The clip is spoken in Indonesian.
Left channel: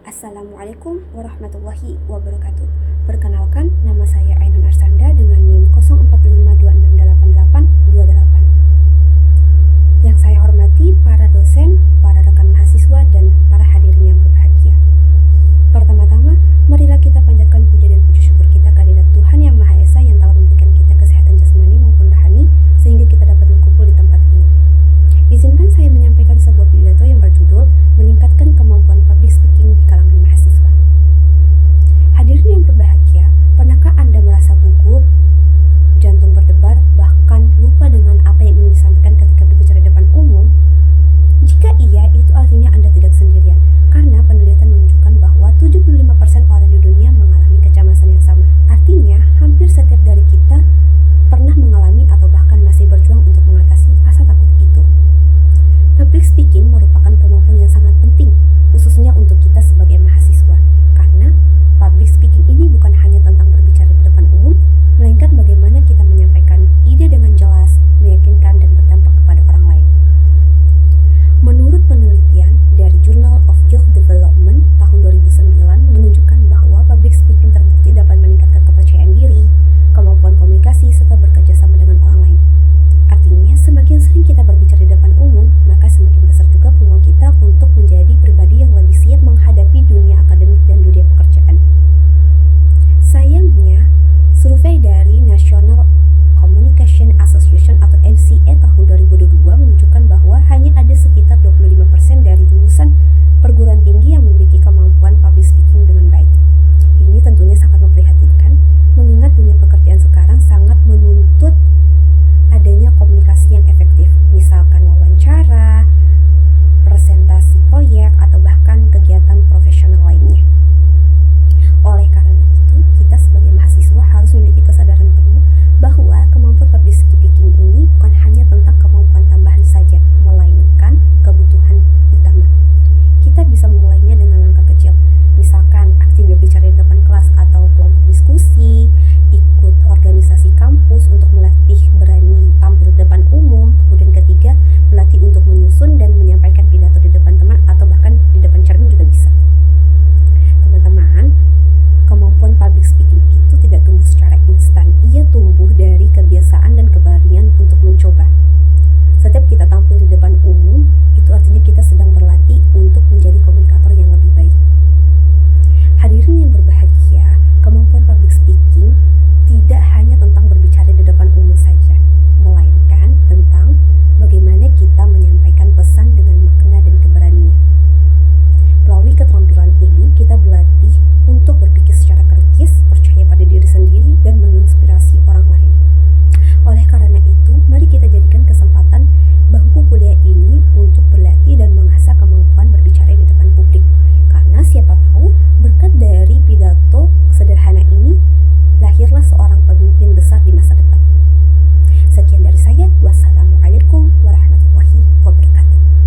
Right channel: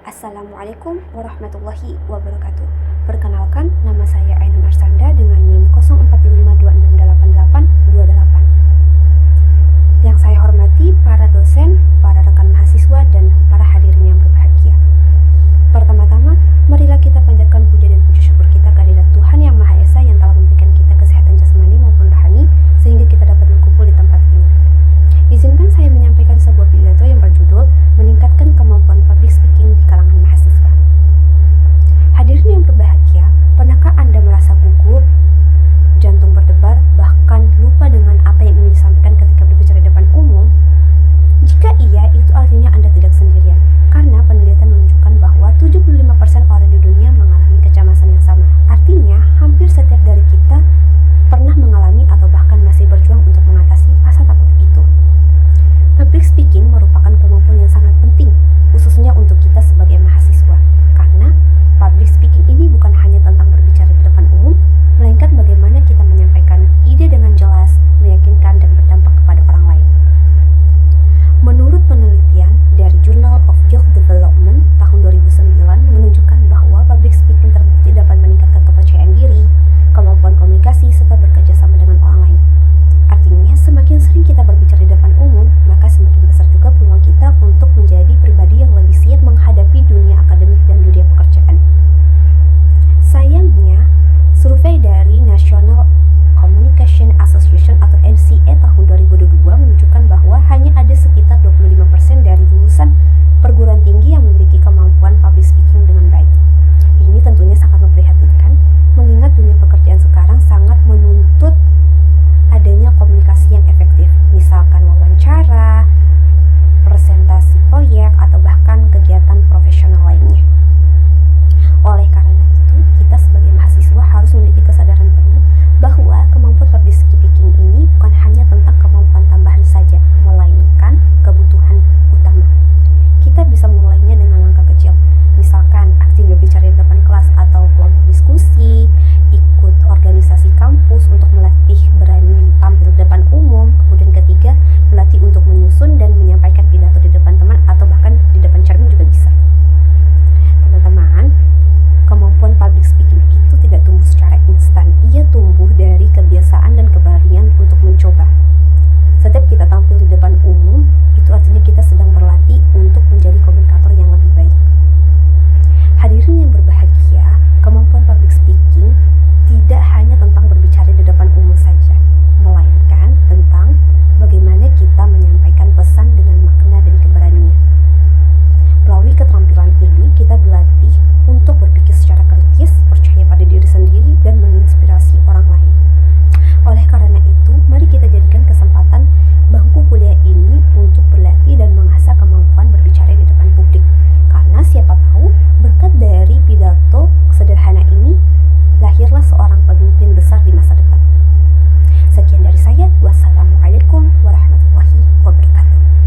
Assalamualaikum warahmatullahi wabarakatuh. Perkenalkan, nama saya Ainun Arsanda dengan NIM 0452668828. Yang saya hormati para dosen, para rekan mahasiswa, dan para hadirin yang berbahagia. Pertama-tama, marilah kita panjatkan puja dan puji syukur kita kehadirat Tuhan Yang Maha Esa yang telah memberikan kita kesehatan jasmani maupun rohani sehingga kita dapat berkumpul di tempat ini. Izinkan saya menyampaikan sebuah pidato yang berjudul Meningkatkan Kemampuan Public Speaking di Kalangan Mahasiswa. Hadirin yang berbahagia, pernahkah Anda merasa gugup, jantung berdebar, bahkan lupa dengan apa yang ingin disampaikan ketika berbicara di depan umum? Jika iya, itu artinya Anda tidak sendirian, karena penelitian menunjukkan bahwa 75% orang di dunia mengalami kecemasan yang sama. Artinya, hampir setiap dari kita pernah mengalami atau bahkan masih berjuang untuk mengatasi rasa takut itu. Public speaking merupakan kemampuan yang sangat penting, khususnya untuk kita sebagai mahasiswa, karena public speaking ini bukan hanya tentang berbicara di depan umum, melainkan bagaimana kita menyampaikan ide dengan jelas, meyakinkan, dan berdampak kepada orang lain. Menurut penelitian dari Journal of Youth Development tahun 2009 menunjukkan bahwa public speaking terbukti dapat meningkatkan kepercayaan diri, kemampuan komunikasi, serta bekerja sama dengan orang lain. Artinya, semakin sering kita berbicara di depan umum, maka semakin besar juga peluang kita untuk menjadi pribadi yang lebih siap menghadapi dunia akademik dan dunia pekerjaan. Sayangnya, survei dari National Communication Association atau NCA tahun 2022 menunjukkan bahwa hanya ada sekitar 25% dari lulusan perguruan tinggi yang memiliki kemampuan public speaking dengan baik. Ini tentunya sangat memprihatinkan, mengingat dunia pekerjaan sekarang sangat menuntut adanya komunikasi yang efektif, misalkan wawancara, presentasi proyek, atau bahkan kegiatan profesional lainnya. Oleh karena itu, kita sebagai mahasiswa harus memiliki kesadaran penuh bahwa kemampuan public speaking ini bukan hanya tentang kemampuan tambahan saja, melainkan kebutuhan utama. Kita bisa memulainya dengan langkah kecil, misalkan aktif berbicara di depan kelas atau kelompok diskusi, ikut organisasi kampus untuk melatih berani tampil di depan umum. Kemudian ketiga, melatih untuk menyusun dan menyampaikan pidato di depan teman atau bahkan di depan cermin juga bisa. Teman-teman, kemampuan public speaking itu tidak tumbuh secara instan. Ia tumbuh dari kebiasaan dan keberanian untuk mencoba. Setiap kita tampil di depan umum, itu artinya kita sedang berlatih untuk menjadi komunikator yang lebih baik. Hadirin yang berbahagia, kemampuan public speaking tidak hanya tentang berbicara di depan umum saja, melainkan tentang bagaimana kita menyampaikan pesan dengan makna dan keberanian. Melalui keterampilan ini, kita berlatih untuk berpikir secara kritis, percaya pada diri sendiri, dan menginspirasi orang lain. Oleh karena itu, mari kita jadikan kesempatan bangku kuliah ini untuk berlatih dan mengasah kemampuan berbicara di depan publik. Karena siapa tahu, berkat dari pidato sederhana ini, lahirlah seorang pemimpin besar di masa depan. Sekian dari saya. Wassalamualaikum warahmatullahi wabarakatuh.